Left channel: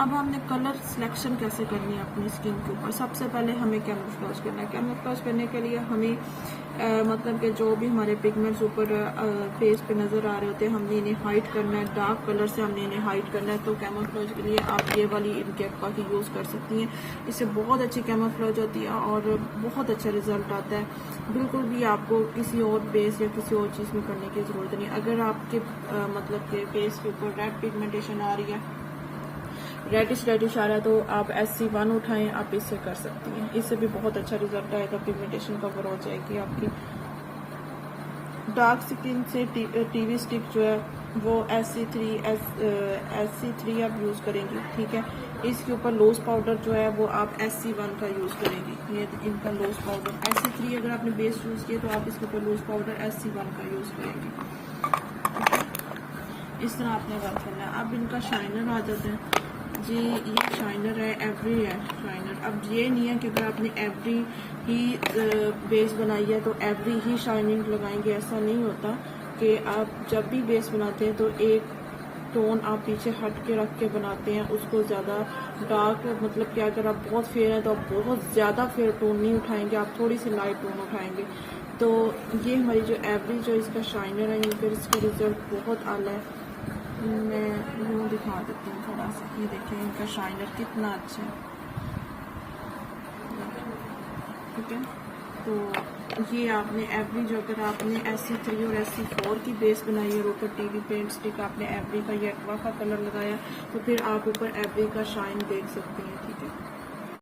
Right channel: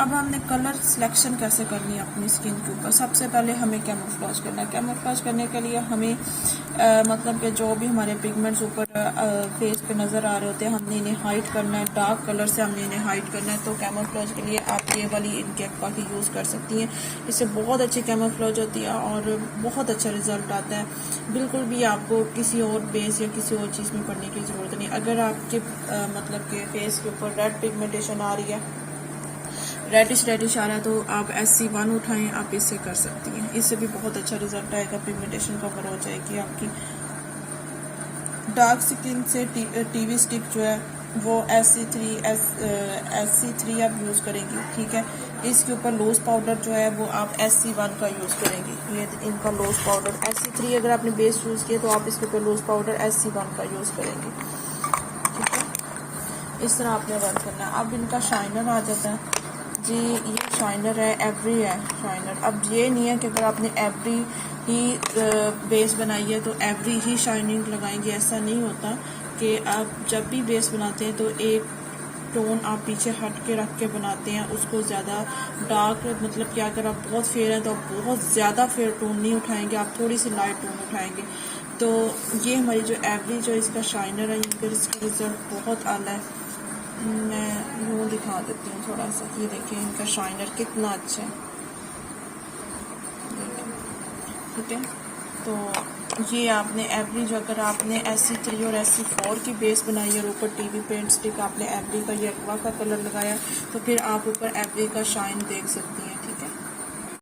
अब हमने colour selection कैसे करनी है अपनी स्किन के ऊपर। सबसे पहले हमें कैमोफ्लेज करना है। कैमोफ्लेज करने के लिए हमें मतलब कि जो भी हमारे पिगमेंट्स ऊपर फेस पे नज़र आ रहे होते हैं, हमने इन्हें हाइड करना है। डार्क कलर से हमने इन्हें हाइड करना है। तो कैमोफ्लेज के लिए आप ये वाली इनकी एक्वा की यूज़ कर सकती हैं। इससे बहुत अच्छी कैमोफ्लेज होती है और बहुत अच्छा रिजल्ट आता है। बिल्कुल भी आपको किसी और बेस या किसी और चीज़ में करने की ज़रूरत नहीं। अगर आपके मतलब के फेस के ऊपर रेड पिगमेंटेशन आ रही है, रेडिश आ रहा है, तो आप SC1 उठाएं, आप इससे कर सकती हैं। इससे भी बहुत अच्छा रिजल्ट आएगा, पिगमेंटेशन कवर हो जाएगी आपकी। डार्क स्किन से टीवी स्टिक जो है वो SC3 आप यूज़ करेंगी, ठीक है। इसके ऊपर लोज पाउडर जो है वो आप SC1 का यूज़ करेंगी। ये इनका लोज पाउडर SC3 अगर आपने बेस यूज़ किया तो आप इसके ऊपर लोज पाउडर SC1 का यूज़ करेंगी। इस तरह आपने वर्क करना है। अब इनका शाइनर आ जाता है जी। ये शाइनर है, एवरी है शाइनर। अब ये नहीं है कि अगर आपने एवरी ही बेस बनाई है तो एवरी ही शाइनिंग लगाएंगे, ऐसा नहीं होता। कि आप जब भी बेस बनाते हैं तो एक टोन आप पीछे हट के रख के बनाते हैं, उसको ज़्यादा डार्क, मतलब कि अगर आप बहुत फेयर है तो आप बहुत ज़्यादा फेयर टोन नहीं उठाएंगे, आप थोड़ी सी लाइट टोन उठाएंगे। तो ये हमारी जो एवरी जो इसका शाइनर है, ये इसका रिजल्ट बहुत आला है। मैं वो दिखा देती हूँ थोड़ा सा। ये देखें इनका शाइनर कितना अच्छा है, ठीक है। तो ये आपने एवरी जो अगर आपने SC3 और SC4 की बेस बनाई है और ऊपर टीवी पेंट स्टिक आपने एवरी का या एक्वा का कलर लगाया, तो फिर आप ऊपर एवरी का शाइन देख सकती हैं।